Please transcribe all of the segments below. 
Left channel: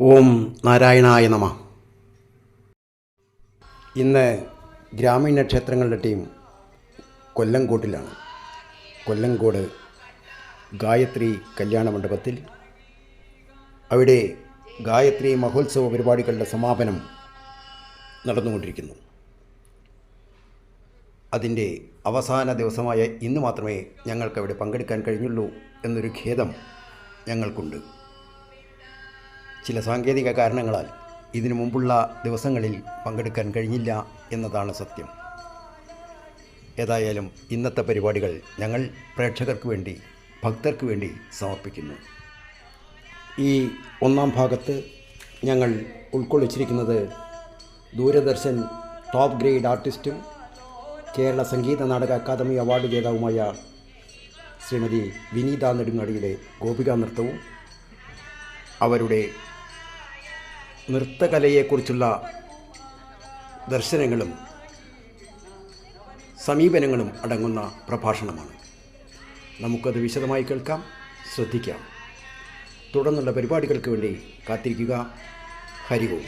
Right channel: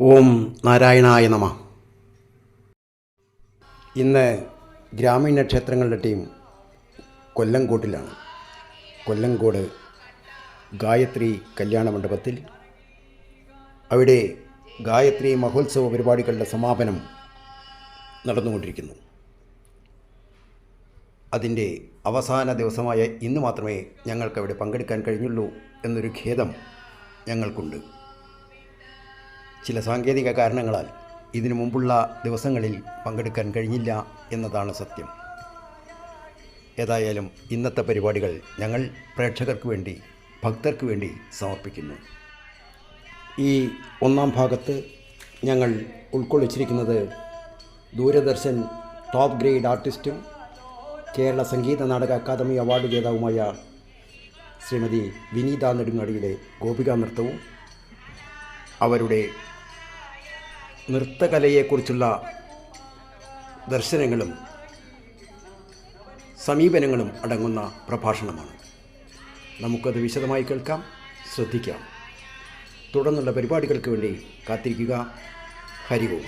ഓം നാരായണായ നമഃ. ഇന്ന് ഗ്രാമീണ ക്ഷേത്രങ്ങളുടെ ടീം കൊല്ലങ്കോട്ടിലാണ്. കൊല്ലങ്കോട് ഗായത്രി കല്യാണ മണ്ഡപത്തിൽ അവിടെ ഗായത്രി മഹോത്സവ പരിപാടികളുടെ സമാപനം നടന്നുകൊണ്ടിരിക്കുന്നു. അതിൻ്റെ അവസാന ദിവസമായ ഇന്ന് മാത്രമേ ഞങ്ങൾക്കവിടെ പങ്കെടുക്കാൻ കഴിഞ്ഞുള്ളൂ എന്നൊരു ഖേദം ഞങ്ങൾക്കുണ്ട്. ചില സാങ്കേതിക കാരണങ്ങളാൽ ഇതിനു മുമ്പുള്ള ദിവസങ്ങളിൽ പങ്കെടുക്കാൻ കഴിഞ്ഞില്ല എന്നതാണ് സത്യം. ഏതായാലും ഇന്നത്തെ പരിപാടികൾ ഞങ്ങൾ പ്രേക്ഷകർക്ക് വേണ്ടി, ഭക്തർക്ക് വേണ്ടി സമർപ്പിക്കുന്നു. ഈ ഒന്നാം ഭാഗത്ത് ഞങ്ങൾ ഉൾക്കൊള്ളിച്ചിരിക്കുന്നത് Doordarshan top grade ആർട്ടിസ്റ്റും Kerala Sangeetha Nataka academy award ജേതാവുമായ Shrimati വിനീത നെടുങ്ങാടിയുടെ ഗോപികാ നൃത്തവും അവരുടെ നൃത്തകലയെക്കുറിച്ചുള്ള ദർശനങ്ങളും സമീപനങ്ങളും അടങ്ങുന്ന പ്രഭാഷണമാണ്. നമുക്കത് വിശദമായി കേൾക്കാം, ശ്രദ്ധിക്കാം. തുടർന്നുള്ള പരിപാടികൾക്ക് വേണ്ടി കാത്തിരിക്കുക. ഹരി ഓം.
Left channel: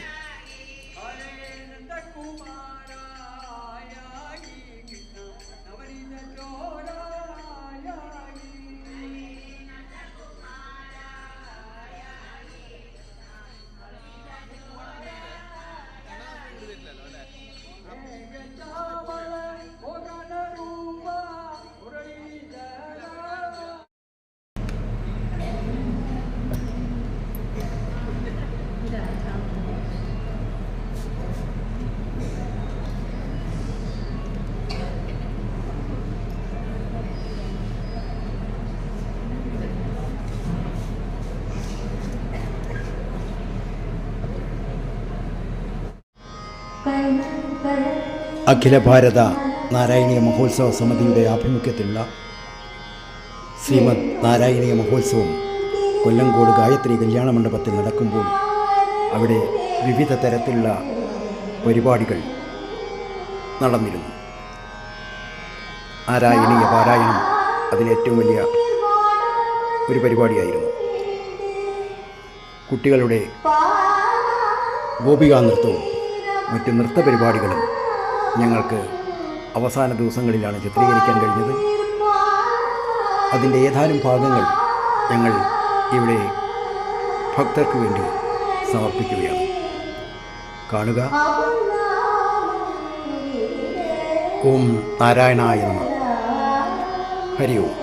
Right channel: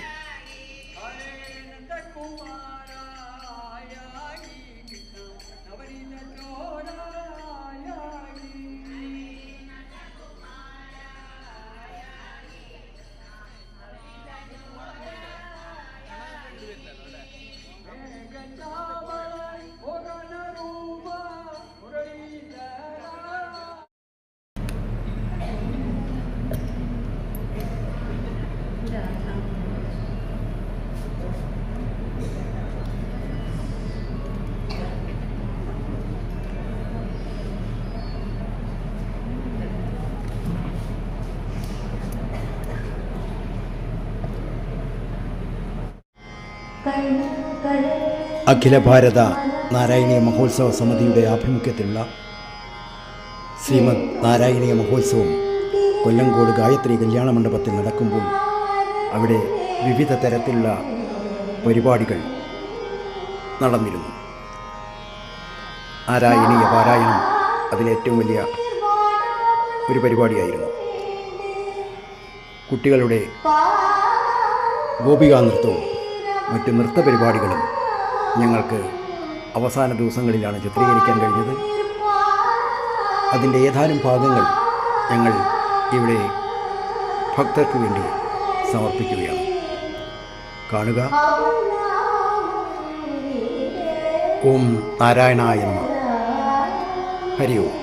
അഖില ഭാരത നാരായണീയ മഹോത്സവ സമിതിയുടെ ആഭിമുഖ്യത്തിലുള്ള ശ്രീമദ് നാരായണീയ മഹോത്സവം കൊല്ലങ്കോട് ഗായത്രി കല്യാണ മണ്ഡപത്തിൽ നടക്കുമ്പോൾ അവിടെ വിവിധ തരത്തിലുള്ള പരിപാടികൾ നടന്നിരുന്നു. നാരായണീയ പാരായണം അതിലേറ്റവും വലിയ ഒരു പരിപാടിയായിരുന്നു. കുട്ടികളുടെ ഗോപികാ നൃത്തവും മറ്റ് നൃത്ത പരിപാടികളും ഞങ്ങൾക്ക് അവസാന ദിവസങ്ങളിലാണ് ചിത്രീകരിക്കാൻ കഴിഞ്ഞത്. അതിൻ്റെ ഏതാനും ഭാഗങ്ങൾ ഞങ്ങൾ ഇവിടെ ഭക്തർക്ക് വേണ്ടി സമർപ്പിക്കുകയാണ്. കാണുക. ഓം നാരായണായ നമഃ. ഹരി ഓം.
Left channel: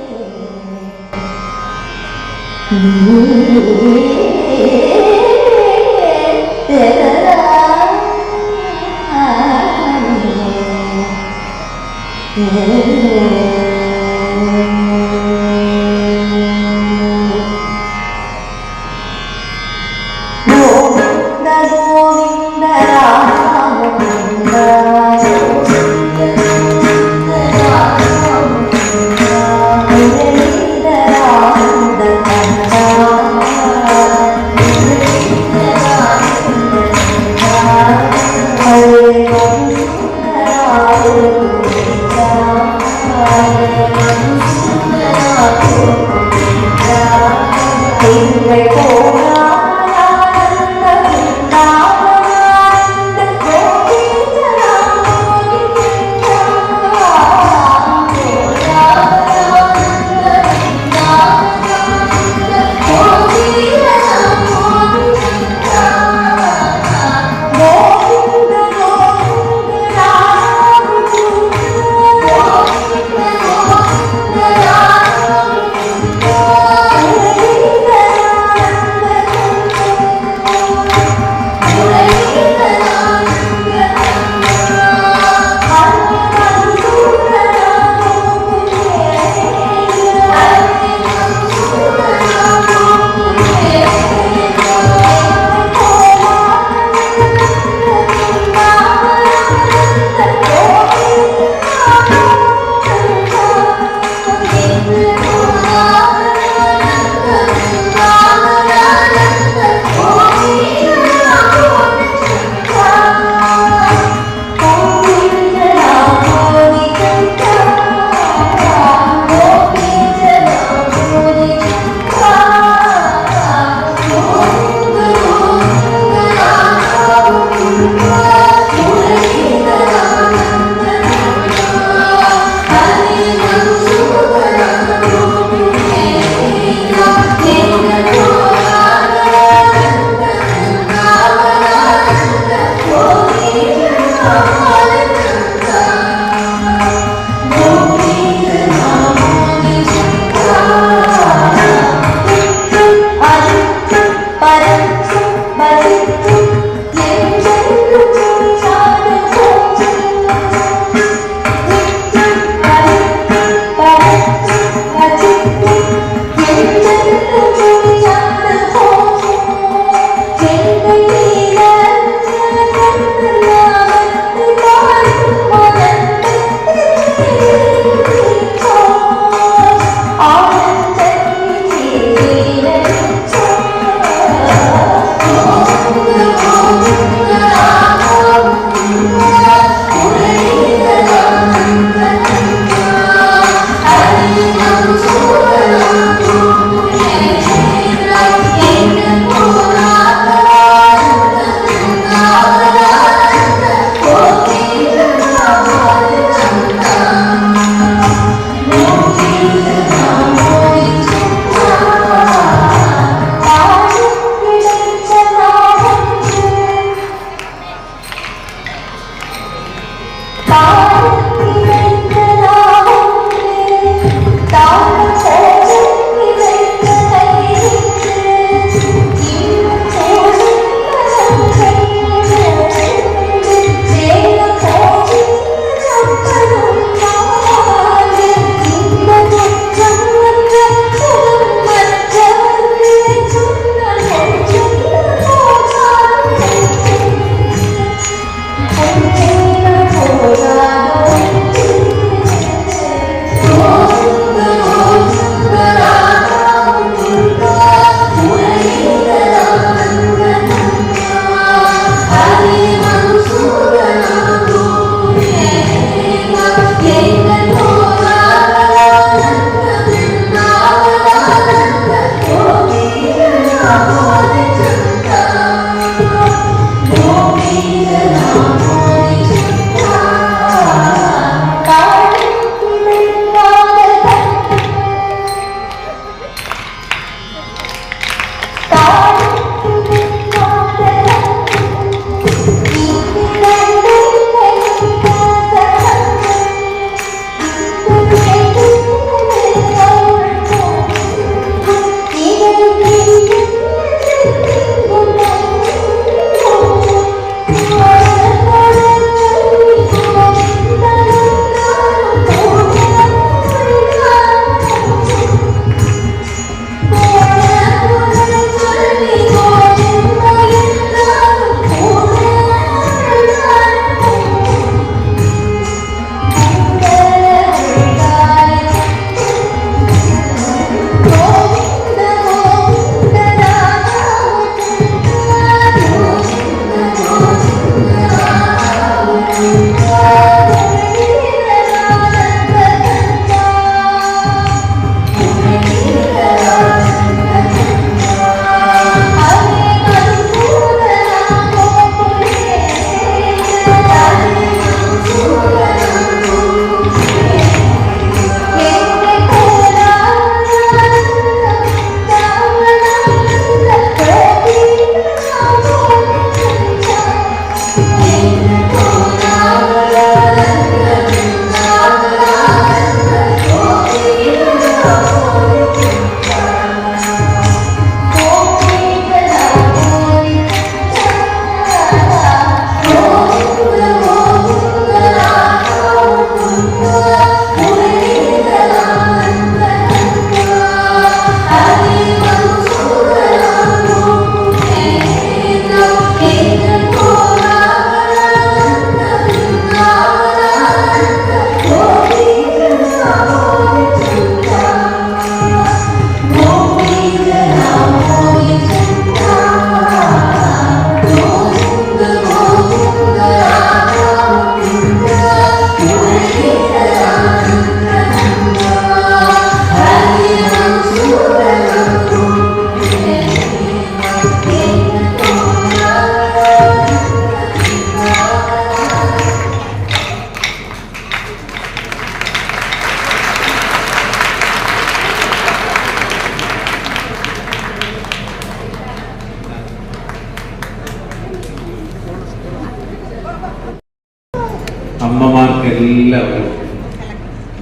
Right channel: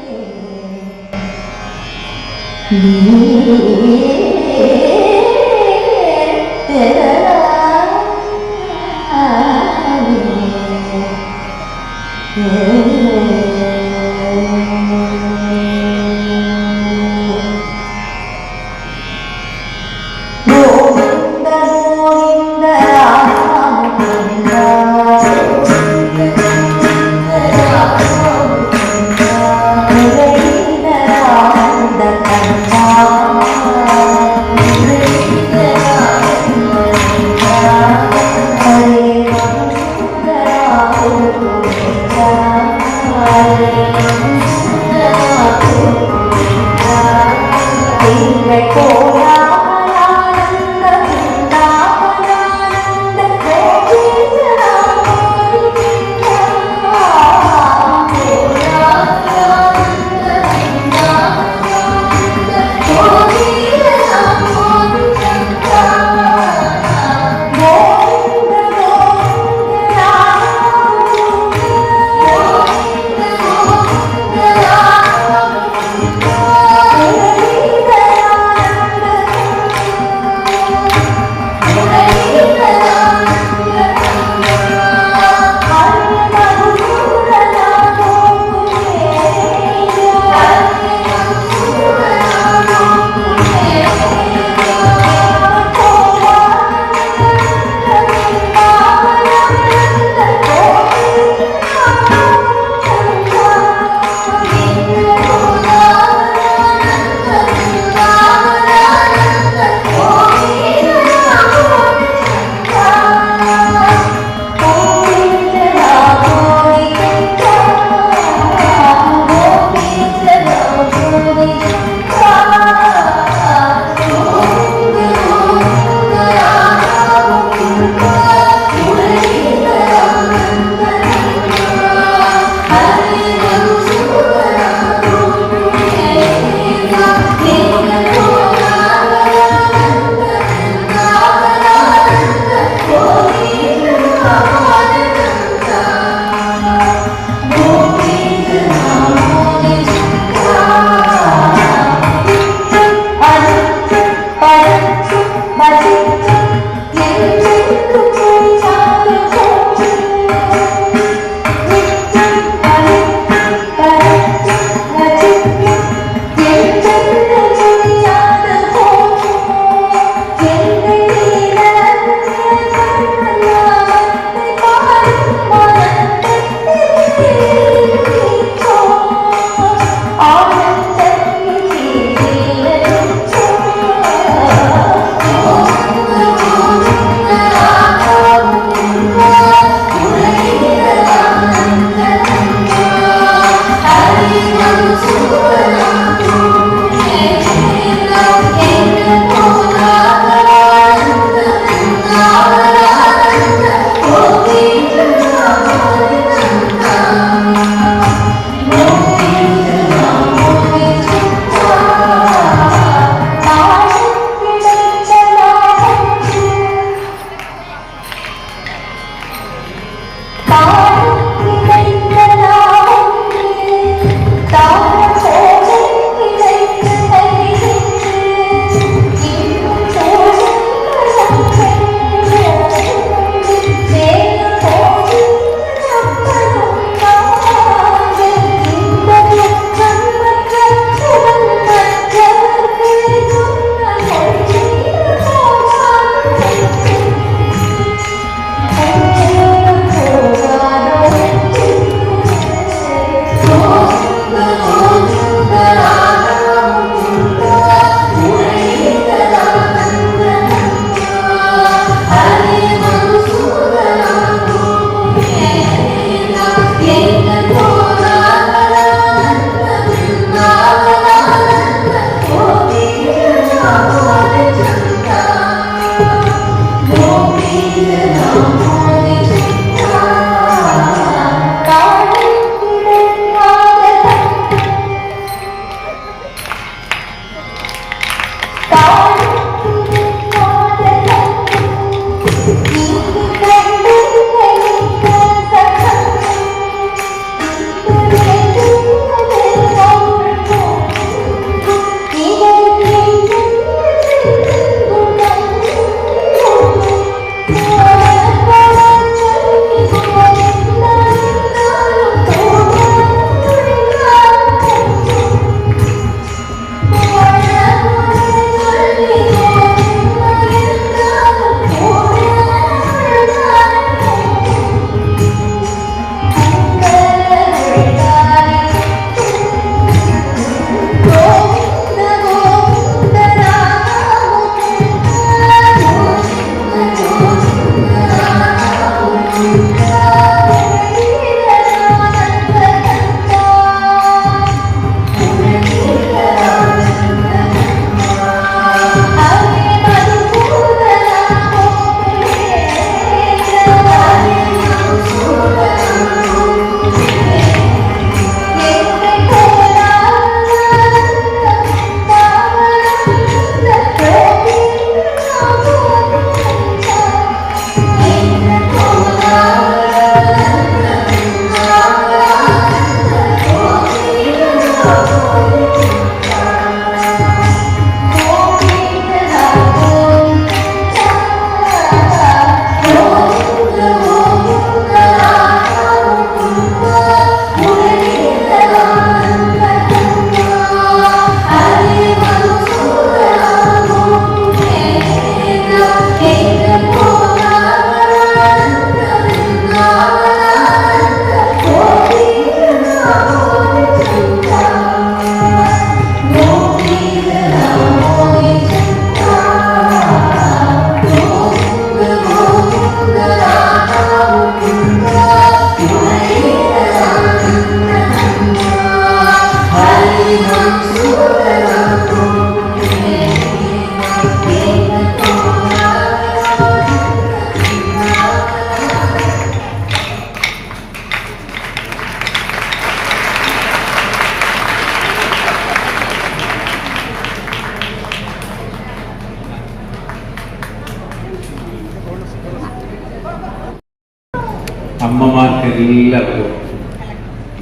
അമ്മമാർക്കെല്ലാവർക്കും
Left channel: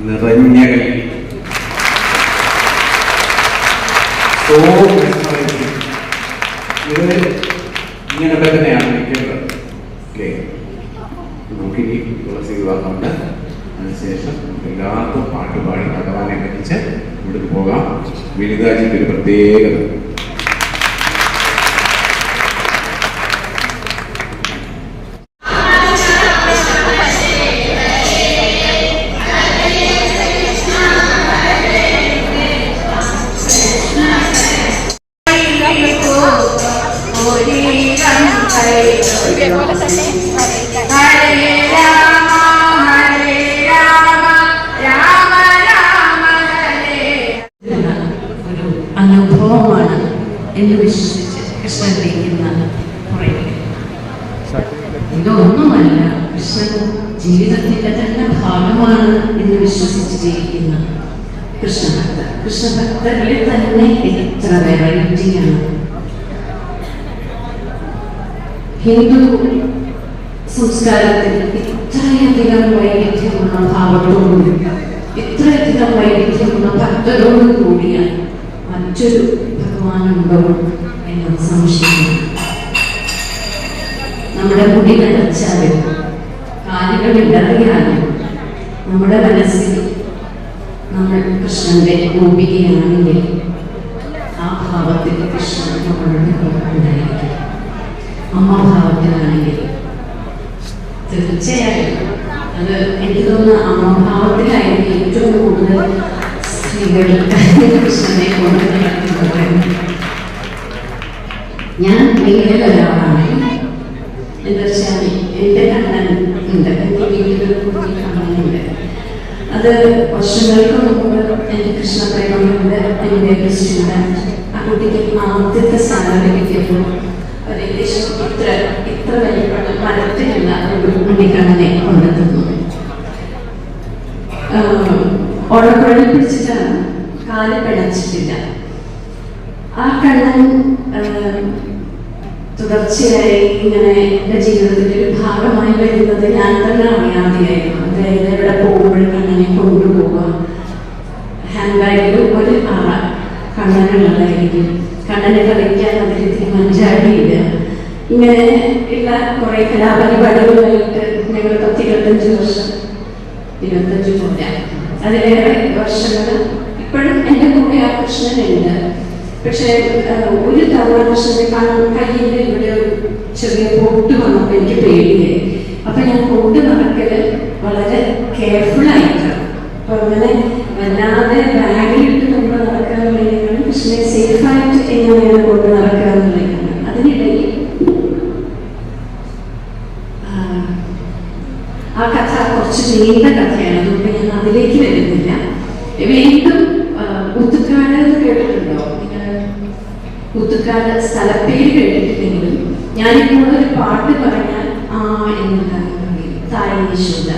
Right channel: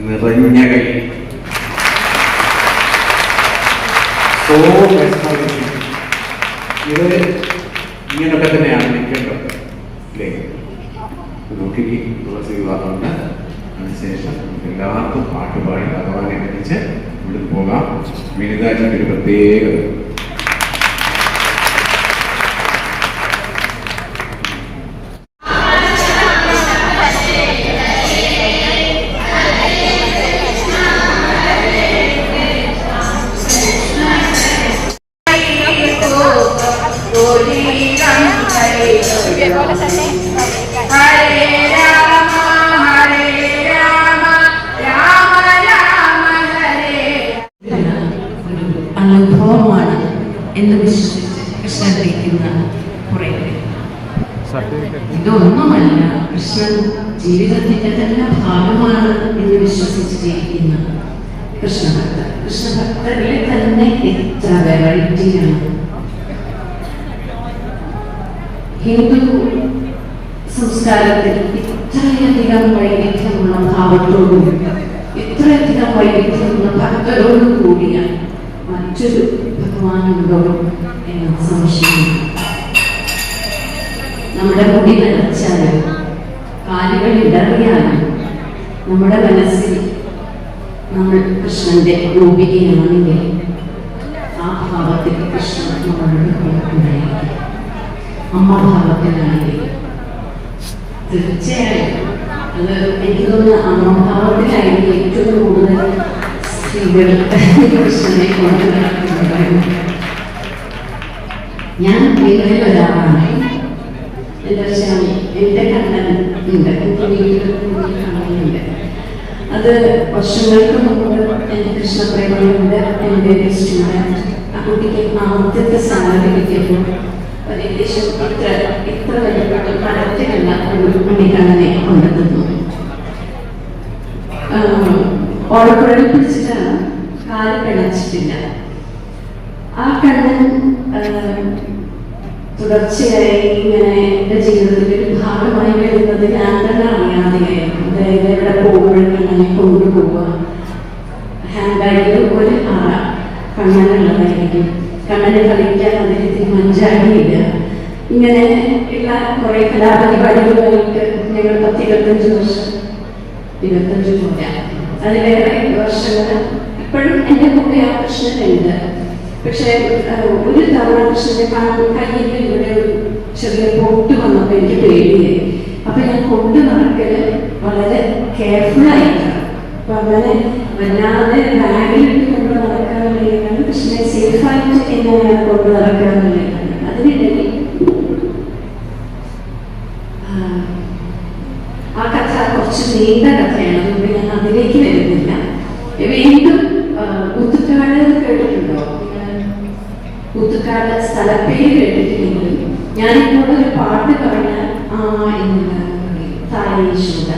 നിറഞ്ഞ കൈ. ഇത് ഇങ്ങനൊക്കെ തന്നെയാണ് നിൽക്കേണ്ടത് അല്ലേ? നോക്കി തുളസി വിവാഹമുണ്ട്. അതിനുശേഷം എല്ലാവർക്കും പാട്ടുപാടി ഭഗവാനെ ധരിച്ച് ഇവിടെ പോകാം. വിനിതാജിക്ക് ഒരു പ്രത്യേകത. അനുഭവമാണ് എന്ന് വിശ്വസിച്ച് കൃഷ്ണനിരിക്കുന്ന കുറേ ഇതൊന്നുമല്ല, കൃഷ്ണൻ ജീവിതത്തിന്റെ തന്നെ ഭാഗമാണ് എന്ന് വിശ്വസിച്ച് ജീവിക്കുന്ന കൃഷ്ണഭക്തർ. കൃഷ്ണഭക്തരിൽ തന്നെ എത്ര വെറൈറ്റിയാണ്. ഹിന്ദു സംസ്കാരത്തിൽ ഇത്രയധികം വൈവിധ്യമുള്ള ഭാവത്തോടും ഇത്രയധികം വൈവിധ്യമുള്ള ഭക്തരോടും കൂടിയ മറ്റൊരു ഭഗവാനുണ്ടോ എന്ന് സംശയിക്കുന്നു. നമ്മുടെ മുടി നിറച്ചാലും കാലുകൾ ഇടറിയാലും നമ്മുടെ മനസ്സിൽ നമ്മൾ കൃഷ്ണന്റെ രൂപികയാണെങ്കിൽ ആ ഭാവത്തിൽ കൃഷ്ണൻ നമ്മളുടെ ഉണ്ടായിരിക്കും. അമ്മഭാവത്തിലാണെങ്കിൽ തീർച്ചയായും അത് എനിക്ക് തോന്നുന്നു അമ്മഭാവത്തിലായിരിക്കും ഏറ്റവും കൂടുതൽ സ്ത്രീകൾ കൃഷ്ണനെ കൊണ്ട് നടക്കുന്നത്. ഞാൻ നിങ്ങളിൽ ഒരാളാണ്. എന്താ വെച്ചാൽ എൻ്റെ കണ്ണൻ ഉണ്ട്, എൻ്റെ വീട്ടിൽ കണ്ണനുണ്ട്. അത് വർഷങ്ങൾക്ക് മുമ്പ് എൻ്റെ കൃഷ്ണപ്രേമയുണ്ട്. എൻ്റെ ഒരു സ്റ്റുഡൻറ്റ് ആ കുട്ടിക്ക് ആദ്യത്തെ സാലറി കിട്ടിയപ്പോൾ ഏകദേശം ഇത്ര മരത്തിലുള്ള ഒരു മണിക്കണ്ണനെ കൊണ്ടുതന്നു. ഓടക്കുഴലിൽ പിടിച്ചിട്ടാണ്, കാല് പിണച്ചിട്ടില്ല. ആ കണ്ണൻ തുടർച്ചയായി ഇങ്ങനെ എൻ്റെ ജീവിതത്തിൻ്റെ ഒരു ഭാഗമായി വരുന്നത് ഞാൻ തന്നെ അറിയാതെയായിരുന്നു. അതായത് എവിടെ പോകുമ്പോഴും കണ്ണനെ കൊണ്ടുപോവുക. ഹാൻഡ് ബാഗിൽ ഒരു കണ്ണനുള്ളതായിരിക്കും. കണ്ണനെ കളിക്കാൻ അദ്ദേഹത്തിന് മഞ്ചാടിയില്ല. ഇങ്ങനെ ഉള്ള കുറെ കലാപരിപാടികളായിട്ട് ഞങ്ങൾ 10-25 വർഷം, 25 പോരാ, അതിലേറെ വർഷങ്ങൾ ഇപ്പോഴും എൻ്റെ കൂടെ ആ കൃഷ്ണനുണ്ട്. പക്ഷെ ഒരു തവണ കൃഷ്ണന്റെ കയ്യിൽ ഇവിടെ ഒരു ചെറിയ പൊട്ട് വന്നപ്പോൾ എനിക്ക് പേടിയായി. അപ്പൊ ഞാൻ കൊണ്ടു നടക്കല് വളരെ കെയർഫുള്ളായിട്ടാണ്. അപ്പൊ അങ്ങനെ വല്ലാതെ ബാഗിലിട്ട് കൊണ്ട് നടക്കാനുള്ളതാണ്, കൃഷ്ണനെ സേഫായിട്ട് എങ്ങനെയാണ് കൊണ്ട് നടക്കാനുള്ളതാണ്. അതിനിടയിൽ ആ കഥ കുറച്ച് നീണ്ട കഥയാണ്, അതുകൊണ്ട് ഞാൻ അതിലേക്ക് വരുന്നില്ല. വീണ്ടും കുത്തുക്കാട് കേട്ടിട്ടുണ്ടോ? കുത്തുക്കാട് സ്ഥലപ്പേര് കേട്ടിട്ടില്ലെങ്കിൽ ഞാനിപ്പോൾ ഒരു പാട്ട് പറഞ്ഞാൽ എന്താണ് തായ് യശോദ,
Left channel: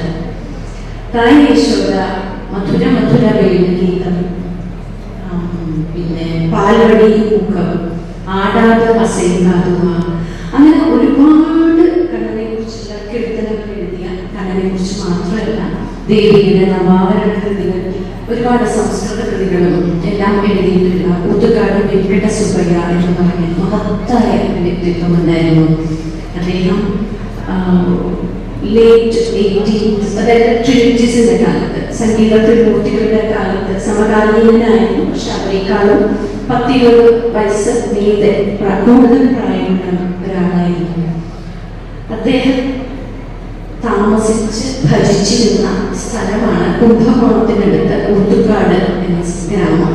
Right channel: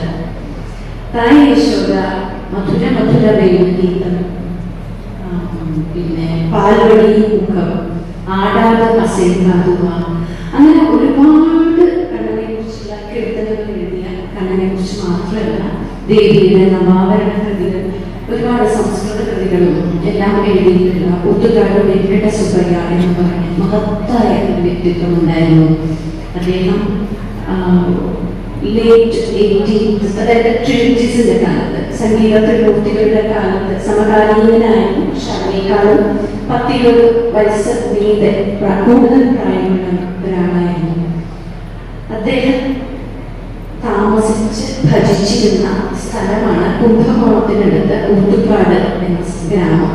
തായ് യശോദ, മധുര മധുര വേണുഗീതം, പിന്നെ പാൽവടി മുഖം, ആടാത അസൈകാതുവ, അങ്ങനെ ഒരുപാട് കണ്ണനെ കുറിച്ചുള്ള കീർത്തനങ്ങൾ എഴുതിയ, കണ്ണനെ കുറിച്ച് മാത്രമല്ല ദേവീയുടെ നവാവരണ കൃതികൾ, ഒരുപാട് സംസ്കൃത കൃതികളും എല്ലാം എഴുതിയിട്ടുള്ള ഒത്തുകാട് വെങ്കട സുബ്ബയ്യ എന്ന് പറഞ്ഞ മഹത്തായ വ്യക്തിത്വം ഉണ്ടായിരുന്നു. അദ്ദേഹം ലേറ്റ് 18th, അതായത് ട്രിനിറ്റീസിന്റെ കാലത്ത്, സംഗീത ത്രിമൂർത്തികളുടെ കാലത്ത് സമകാലീനായിരുന്നു. പക്ഷെ അവരെക്കാളും 10-20 വയസ്സ് മീതെ കൂടുതൽ പ്രായമുള്ള ഒരാളായിരുന്നു. അദ്ദേഹം താമസിച്ച് ഭജിച്ചിരുന്ന സ്ഥലമാണ് കുംഭകോണത്തിനടുത്ത് ഊട്ടുകാട് എന്ന ഗ്രാമം.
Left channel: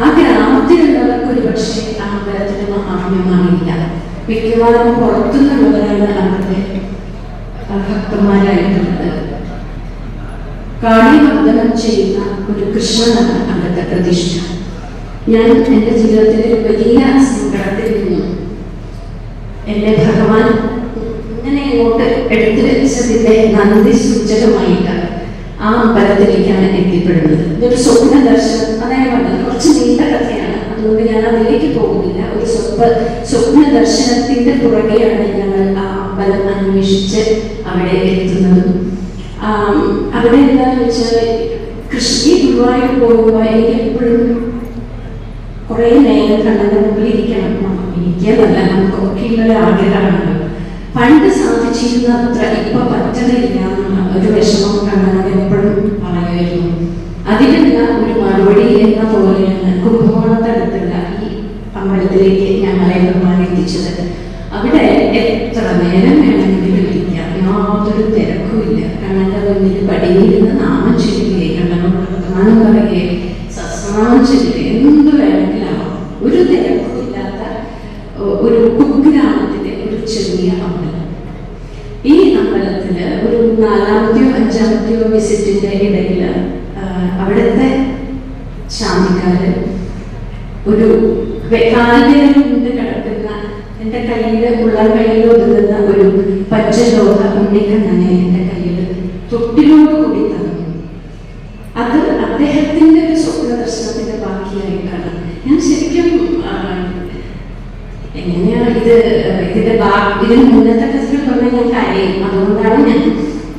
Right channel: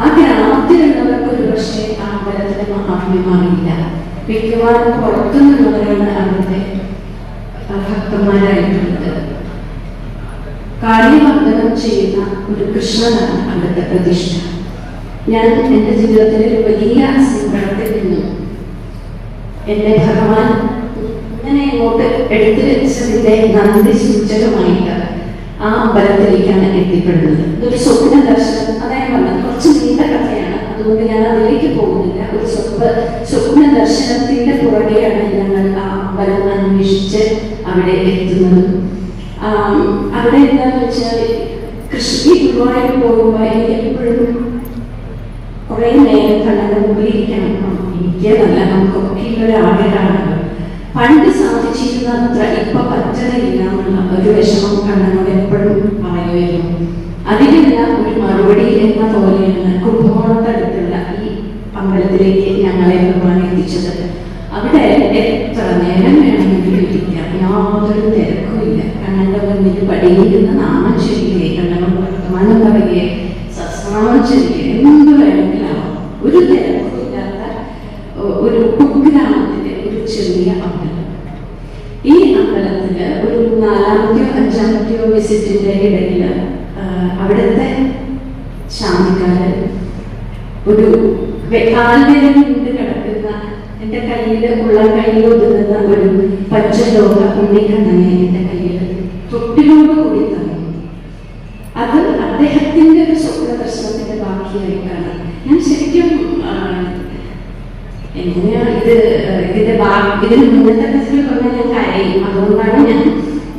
ആ ഗ്രാമത്തിലുള്ളവർക്ക് ഒരു പക്ഷേ ആ അമ്പലത്തിന്റെ മഹാത്മ്യം അറിയില്ല. മിക്കവാറും പുറത്തുനിന്നുള്ളവരാണ് അവരുടെ ഭക്തന്മാരായിട്ടുള്ളത്. കാളിവർദ്ധനം ചെയ്യുന്ന ഒരു കൃഷ്ണനാണ് അവിടുത്തെ പ്രതിഷ്ഠ. ഞാൻ എൻ്റെ ജീവിതത്തിലെ ഒരു വലിയ സങ്കടത്തിൽ നിന്നും എന്നെ ഭഗവാൻ ഇങ്ങനെ ഇങ്ങോട്ട് എടുത്തു വെച്ചതിന്റെ നന്ദി സൂചകമായിട്ട് ആ അമ്പലത്തിലേക്കാണ് എത്തിപ്പെടുന്നത്. ഇതൊരു സ്വപ്ന ദർശനം, അതായത് പറഞ്ഞത് കുറച്ച് നീണ്ട കഥയാണ്, അതുകൊണ്ട് ഞാൻ അതിലേക്ക് പോകുന്നില്ല. ഒരു സ്വപ്ന ദർശനത്തിന്റെ പുറകെയാണ് ഞങ്ങൾ ആ അമ്പലം അന്വേഷിച്ച് അവിടെ എത്തുന്നത്. അവിടെ എന്താന്ന് വെച്ചാൽ കൃഷി ഗുരുവായൂർ പോകുമ്പോൾ എനിക്ക് എപ്പോഴും കുറേ നേരം കണ്ണന്റെ മുമ്പിൽ ഇരിക്കണം. ഇരിക്കുന്നല്ല, നമുക്കൊക്കെയുള്ള ആഗ്രഹമാണ്. പണ്ട് സാധിച്ചിരുന്നത്ര ഇപ്പൊ പറ്റണില്ല എന്നുള്ള ഒരു വിഷമം കണ്ണനോട് എപ്പോഴും പറയുമായിരുന്നു. അതിനെല്ലാം ഒരു മറുപടി എന്ന പോലെയാണ് കുംഭകോണത്തടുത്തുള്ള ഈ അമ്പലത്തിലേക്ക് ഞങ്ങളെ ഭഗവാൻ എത്തിച്ചത്. അവിടെ എത്ര നേരം വേണമെങ്കിലും ഇരിക്കാം, യാതൊരു തിരക്കുമില്ല. കണ്ണന്റെ മുന്നിൽ പടിയിരുന്ന് നാമം ചൊല്ലുകയെ, കണ്ണനോട് വർത്തമാനം പറയുകയെ, സസ്നാമം ചൊല്ലുകയെ, എന്ത് വേണമെങ്കിലും ഒരു തിരക്കുമില്ലാത്ത ഒരു കുഗ്രാമത്തിലെ ഒരു ചെറിയ അമ്പലം. ഈ അമ്പലത്തില് ഒരു 4-ാമത്തെയോ 5-ാമത്തെയോ വിസിറ്റിന്റെ ഇടയിൽ അവിടുത്തെ ശാന്തിക്കാര് ഒരു കാൽവേദന കൊണ്ട് കിടക്കുന്ന എന്റെ കയ്യിൽ ഒതുങ്ങുന്ന ഒരു പച്ചലോഹ ഉണ്ണിക്കണ്ണനെ എന്റെ കയ്യിൽ തൊട്ടിലോട് കൂടി തന്നു. അത് അദ്ദേഹത്തിന്റെ ഒരു സ്വപ്ന ദർശനത്തിന്റെ ബാക്കിയായിട്ടാണ്. ഞാൻ ശരിക്കും എങ്ങനെയാണ് ഇതിന് മുന്നത്തെ ടെസ്റ്റിൽ പറഞ്ഞാൽ ഞാൻ കരയും. അതുകൊണ്ടാണ് ഞാൻ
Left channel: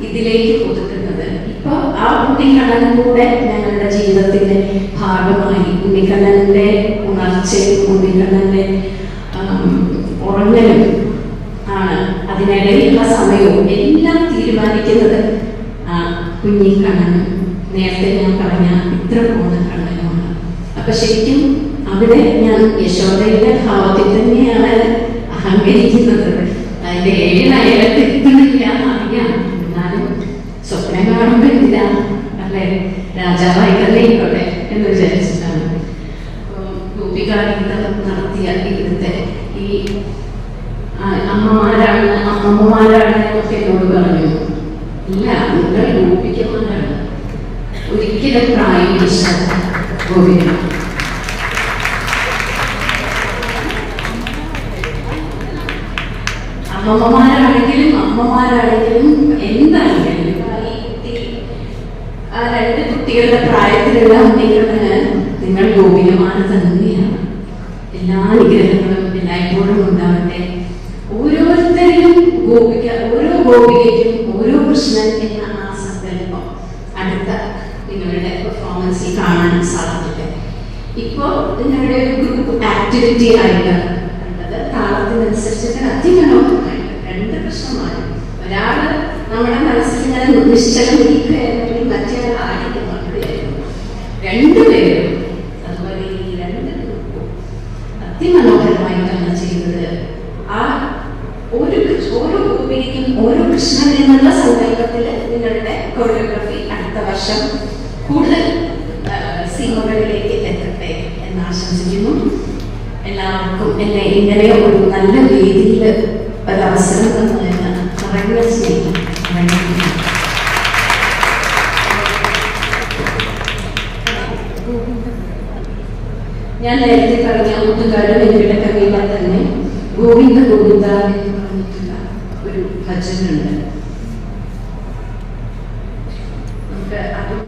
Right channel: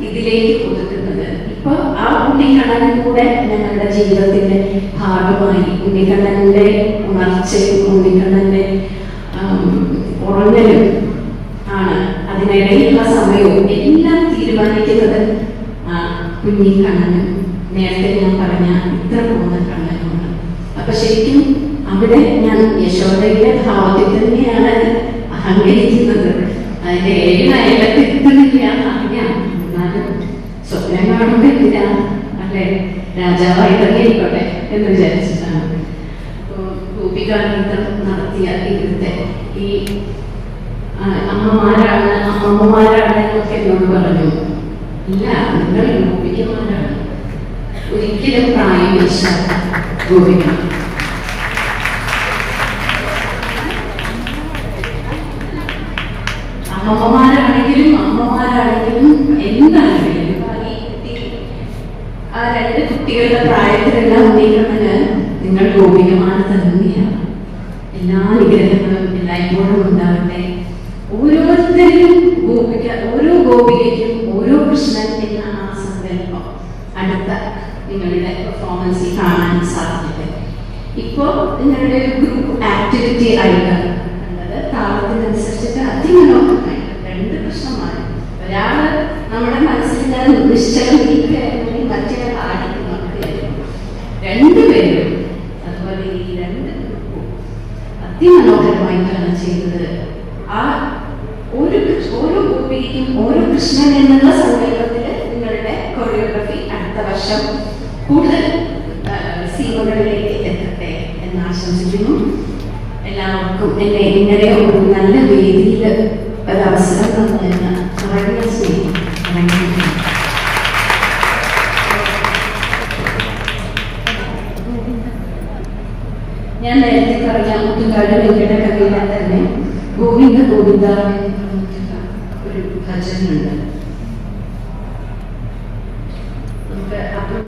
ഇതിലേക്ക് കൊടുക്കുന്നത്. ഇപ്പൊ ആ ഉണ്ണിക്കണ്ണനും കൂടെ ഞങ്ങളുടെ ജീവിതത്തിന്റെ ഭാഗമായി ഉണ്ണിക്കണ്ണന്റെ ഉണർച്ചയും ഉണ്ണിക്കണ്ണന്റെ ഉറങ്ങലും ആണ്. അതിനിടയിലുള്ള സമയവും എല്ലാം തീരുമാനിക്കുന്നത് കുഞ്ഞിക്കണ്ണനും നേരത്തെ ഞാൻ പറഞ്ഞ ഇത്ര പോകുന്ന കണ്ണനുമാണ്. അപ്പൊ ശരിക്കും അവിടെ ഞാൻ യശോദയുടെ ഭാവത്തിൽ തന്നെയാണ് അഹങ്കരിക്കുന്നത്. അതിന്റെ ഏഴിനയലത്ത് എത്തുന്നില്ല എന്നറിയാം. എന്നാലും സ്വപ്നം കാണുമ്പോൾ എന്തിനാ അല്ലെ, രാജാവായി തന്നെ ഇരിക്കട്ടെ എന്ന് വിചാരിച്ചിട്ടാണ്. അപ്പം ഗോപികാഗീതം നടത്തിയ ഇവിടുത്തെ ഈ അമ്മമാരാണ് എന്നൊക്കെ എന്നോട് പറഞ്ഞു. ഇല്ല, നിങ്ങൾ ഗോപികമാരാണ്, ഒരിക്കലും പ്രായം ഇഷ്ടം ഗോപിക. അമ്മമാരാണെങ്കിലും എന്താണെങ്കിലും ആ 2 കുട്ടികളുടെ പ്രായത്തിലുള്ള ഉണ്ണിക്കണ്ണന് നിങ്ങൾ ഗോപികമാർ തന്നെയാണ്. എല്ലാ വിഗ്രഹങ്ങളും എല്ലായ്പ്പോഴും ഉണ്ടാവട്ടെ. ഓരോരുത്തരും ഓരോ ഗോപികയ്ക്കും ഓരോ കൃഷ്ണൻ എന്ന ആ സങ്കല്പം അടുത്ത നിങ്ങളുടെ പെർഫോമൻസിൽ കാണാൻ സാധിക്കട്ടെ. ഇപ്പോൾ നിങ്ങളുടെ ഗ്രൂപ്പ് ആക്ടിവിറ്റി ആയിട്ട് കണ്ടത് താളത്തിനനുസരിച്ചിട്ട് അതിമനോഹരമായിട്ട് 2 കൃഷ്ണന്മാരും. ഒരാള് നമ്മുടെ മനസ്സിൽ ഞാൻ നിശ്ചലം ഇരിക്കുകയായിരുന്നെങ്കിൽ മറ്റേ ആടിക്ക് നോക്കുകയായിരുന്നു. 2 പേരും അതുപോലെ ഈ 2 ഗ്രൂപ്പും അതിമനോഹരമായിട്ടാണ് ചെയ്തത്. ആ ഓരോ ഗോപിക്കും ഓരോ കൃഷ്ണൻ എന്നുള്ള സങ്കല്പത്തിൽ നിങ്ങളുടെ കൊറിയോഗ്രഫി അടുത്ത വർഷം കൂടുതൽ സീമകളിലേക്ക് എത്തട്ടെ എന്ന് ആശംസിക്കുന്നു. എല്ലാവർക്കും എന്നെ ഇങ്ങനെ ഒരു നല്ല വേദിയിൽ ഒരവസരം തന്നതിന് കുറഞ്ഞ സ്നേഹം. ഞാൻ നേരത്തെ പറഞ്ഞ മുട്ടുകാരും എന്റെ കവിത തന്നെ ഗോവിന്ദ ഗോവിന്ദ എന്ന് പറഞ്ഞിട്ടുള്ള ഒരു ഭജനുണ്ട്. നമുക്ക്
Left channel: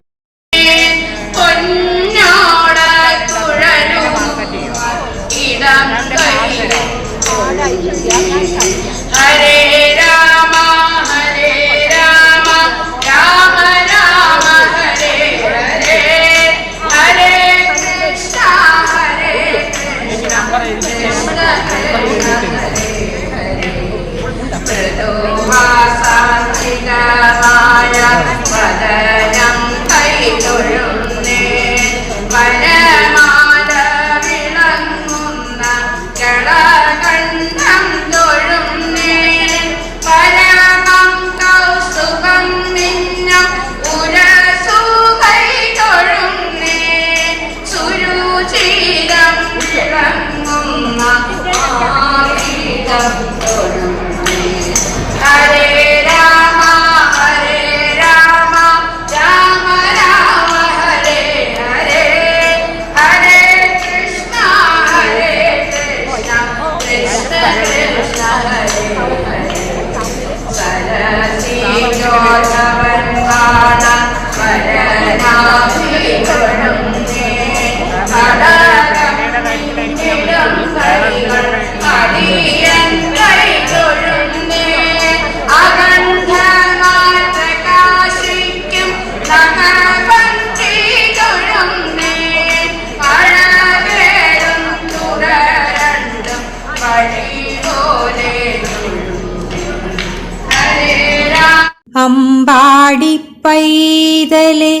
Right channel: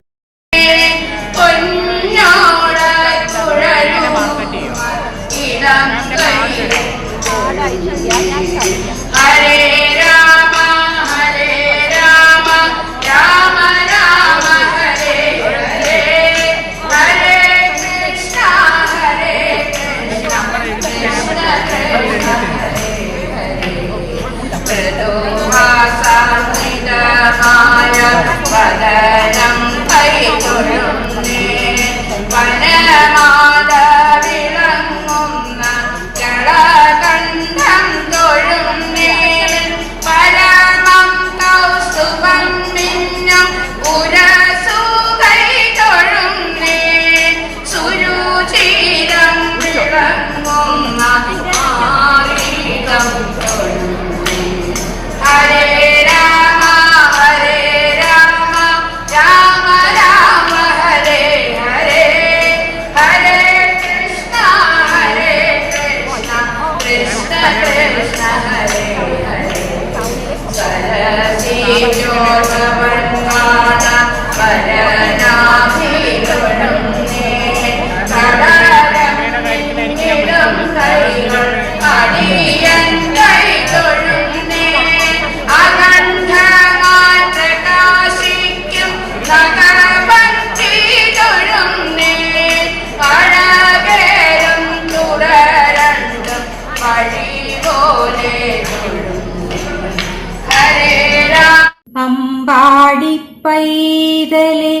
അമ്പാടി പൈതലെ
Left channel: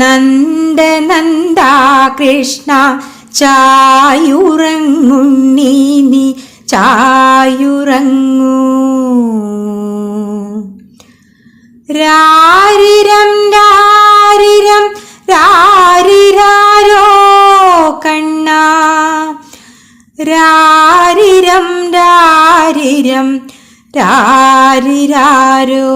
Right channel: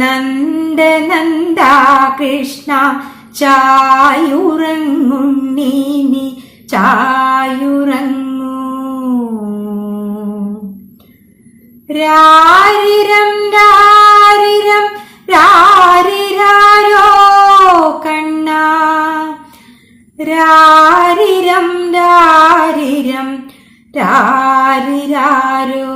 നന്ദനന്ദ കൃഷ്ണ ചായുറങ്ങുണ്ണി നീ ചായുറങ്ങൂ. രാരിരം രാരിരം രാരിരാരോ കണ്ണ, രാരിരം രാരിരം രാരിരാരോ.